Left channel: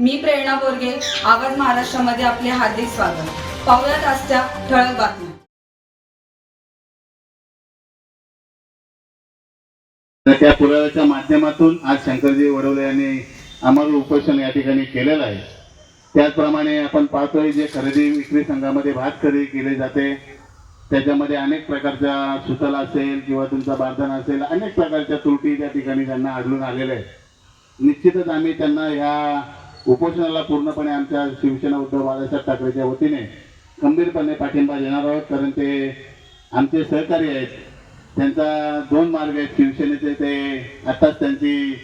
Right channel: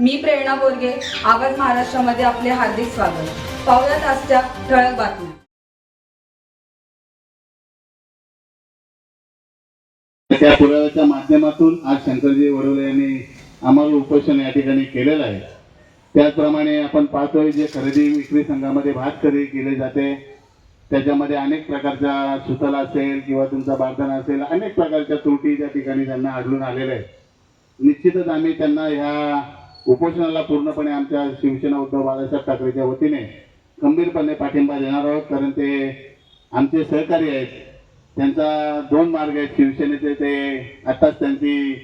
मी प्रेरणा बोरगे आवाज महाराष्ट्रामध्ये आपले हार्दिक स्वागत. पाहुयात आजच्या ठळक बातम्या. त्या पुराव्याच्या माध्यमातून आज शंकरजी वडवले यांनी आम्हाला उपोषण या ठिकाणी केलेलं आहे. त्याचप्रमाणे आपण पाहतोय जे खरेदी विक्री संघामध्ये भात खरेदी केली जाते त्याच्यामध्ये अनेक प्रकारच्या सुतल असेल किंवा तुमचा बारदाना असेल अनेक प्रकारच्या त्रुटी त्या ठिकाणी त्यांना आढळून आलेल्या आहेत. निश्चितच आम्ही त्यांना ह्या उपोषणाला पूर्णपणे आमच्या शिवसेना उद्धव बाळासाहेब ठाकरेच्या वतीने खंबीरपणे पाठिंबा देणार आहोत कारण ते आमचे सहकारी आहेत. त्यांचा दोन मार्ग आहेत शिवसेनेचे ते आताच त्यांची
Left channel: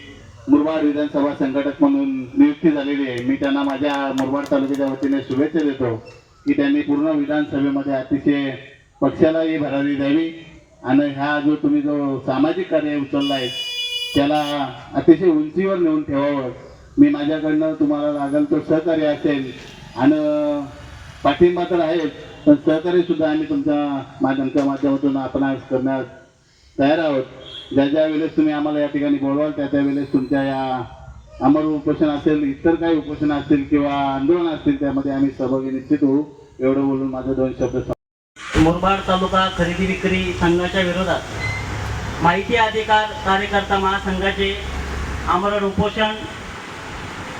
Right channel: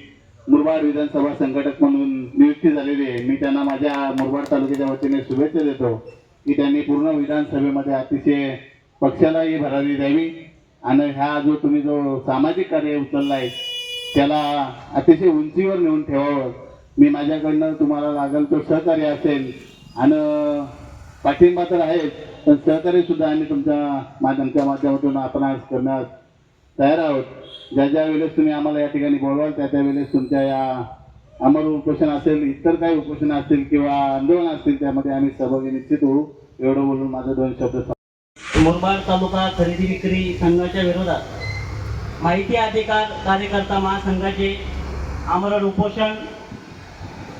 मुरबाड विधानसभा संघटक म्हणून नियुक्ती झालेली आहे. मी त्यांना माझ्या मुरबाड तालुक्याच्या वतीने शुभेच्छा देतो की त्यांनी पूर्ण विधानसभेमध्ये अतिशय पक्षालाही भरारी द्यावी. आणि हा जो तुम्ही जो सामाजिक कार्य उचलला आहे त्याला अतिशय उंचीवर नेऊन ठेवावं. मी माझ्याकडनं तुम्हाला लागेल तो सहकार्य असेल. आणि पाठिंबा तर आहेच पण सहकार्य सुद्धा आम्ही तुमच्या माध्यमच्या माध्यमातून आपण आज करण्यास तयार आहोत. ज्या ज्या वेळेस तुम्ही आम्हाला या ठिकाणी बोलवाल त्या त्या वेळेस तुमच्या या अमर उपोषण असेल इतर काही उपोषण असतील किंवा आंदोलन असतील त्यामध्ये आम्ही सहभागी निश्चित होऊ. एवढं बोलून माझे दोन शब्द मुरबाड तालुका खरेदी विक्री संघाच्या विरोधात माहिती अधिकार कार्यकर्ता महासंघाचे आमरण उपोषण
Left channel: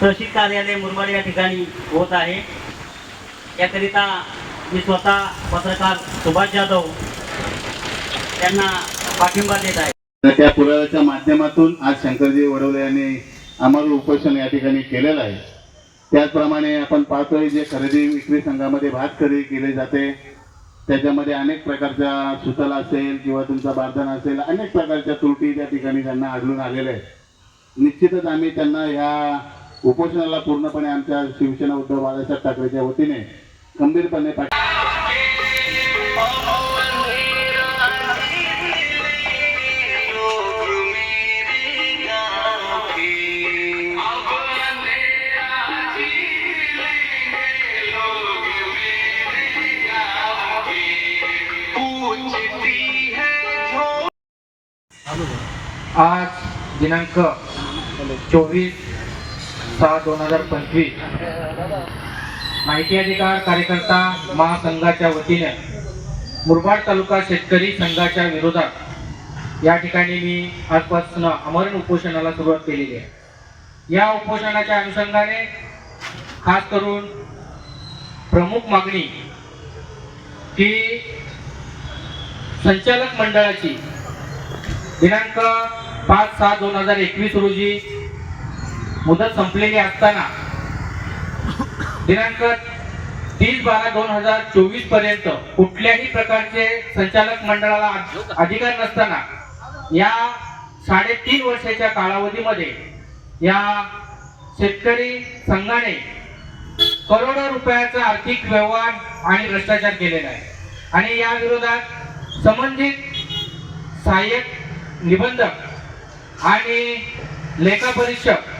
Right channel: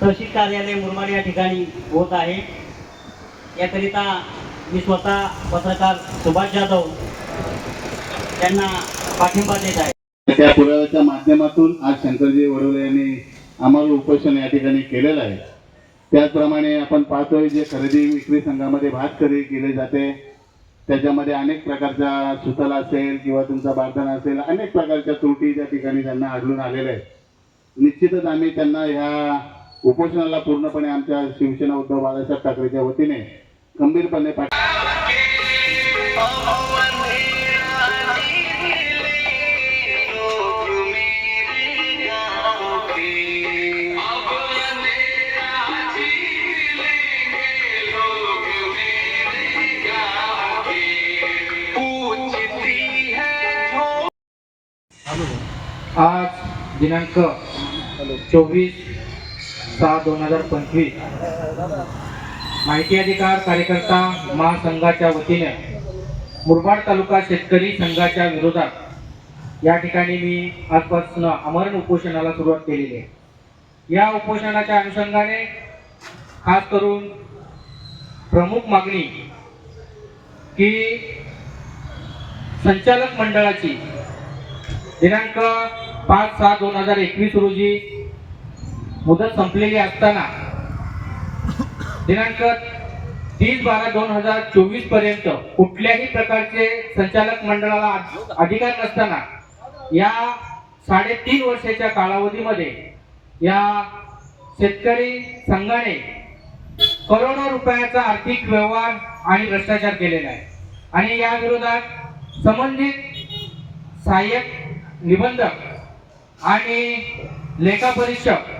तहसील कार्यालय मुरमाड या ठिकाणी होत आहे. याकरिता मी स्वतः पत्रकार सुभाष जाधव यांना पाठिंबा देत आहे. त्या पुराव्याच्या माध्यमातून आज शंकरजी वडवले यांनी आम्हाला उपोषण या ठिकाणी केलेलं आहे. त्याचप्रमाणे आपण पाहतोय जे खरेदी विक्री संघामध्ये भात खरेदी केली जाते. त्याच्यामध्ये अनेक प्रकारच्या सुतल असेल किंवा तुमचा बारदाना असेल अनेक प्रकारच्या त्रुटी त्या ठिकाणी त्यांना आढळून आलेल्या आहेत. निश्चितच आम्ही त्यांना ह्या उपोषणाला पूर्णपणे आमच्या शिवसेना उद्धव बाळासाहेब ठाकरेच्या वतीने खंबीरपणे आज दिनांक चोवीस सहा दोन हजार पंचवीस. माहिती अधिकार कार्यकर्ता महासंघाच्या वतीने मुरबाड तालुका शेतकरी संघाच्या विरोधात या ठिकाणी मी आजपासून अमरण उपोषणाला सुरुवात केलेली आहे. या उपोषणाच्या अनुषंगाने खास करून प्रमुख मागणी की संचालक मंडळाची दिनांक पाच सहा दोन हजार एकवीस रोजी मुदत संपलेली असताना दिनांक तीस बारा दोन हजार चोवीसपर्यंत कुठल्याही प्रकारचे संचालक मंडळाला अधिकार नसताना या साडेतीन वर्षाच्या कालावधीमध्ये या शेतकरी संघाने करोडो रुपयाचा आर्थिक व्यवहार आणि भ्रष्टाचार केलेला आहे. आणि या विरोधात संबंधित सहाय्यक निबंधक आणि लेखापरीक्षक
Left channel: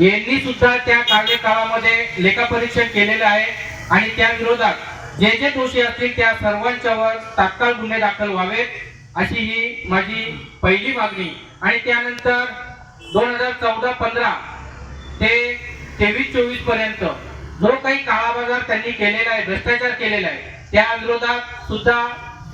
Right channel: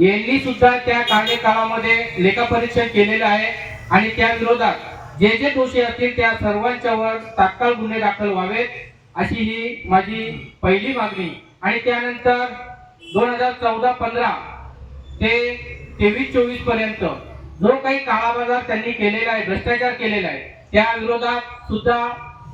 यांनी सुद्धा त्या कार्यकाळामध्ये लेखापरीक्षण केलेलं आहे. आणि त्या विरोधात जे जे दोषी असतील त्या सर्वांच्यावर तात्काळ गुन्हे दाखल व्हावेत अशी ही माझी पहिली मागणी. आणि त्यानंतर दोन हजार चौदा पंधरा ते तेवीस चोवीसपर्यंत जो काही काळाबाजार त्यांनी केलेला आहे भ्रष्टाचार केलेला आहे त्या विरोधात सुद्धा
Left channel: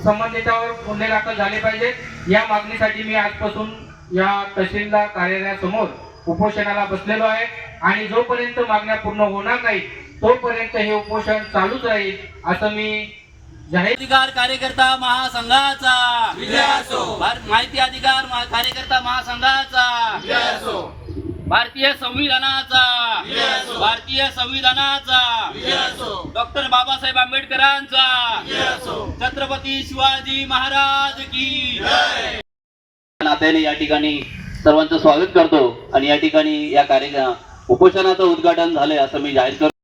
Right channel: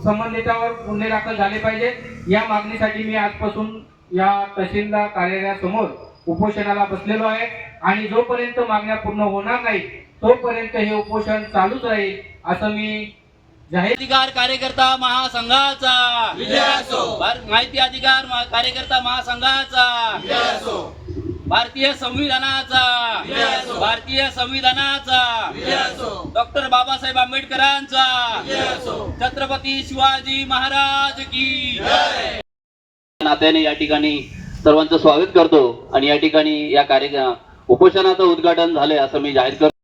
संबंधितावर गुन्हे दाखल झाले पाहिजेत. या मागणीसाठी मी आजपासून या तहसीलदार कार्यालयासमोर उपोषणाला बसलेलो आहे. आणि जोपर्यंत मागण्या पूर्ण होणार नाही तोपर्यंत हे उपोषण चालूच राहील असं मी जाहीर अधिकार कार्यकर्ता महासंघाचा माहिती अधिकार कार्यकर्ता महासंघाचा भारतीय संविधानाचा भारतीय संविधानाचा डॉक्टर बाबासाहेब आंबेडकरांचा छत्रपती शिवाजी महाराज की नात्याने या ठिकाणी सर्वांचं स्वागत करतो. आणि या ठिकाणी या कार्य उपोषणाचं उद्घाटन झालंय असं मी जाहीर करतो.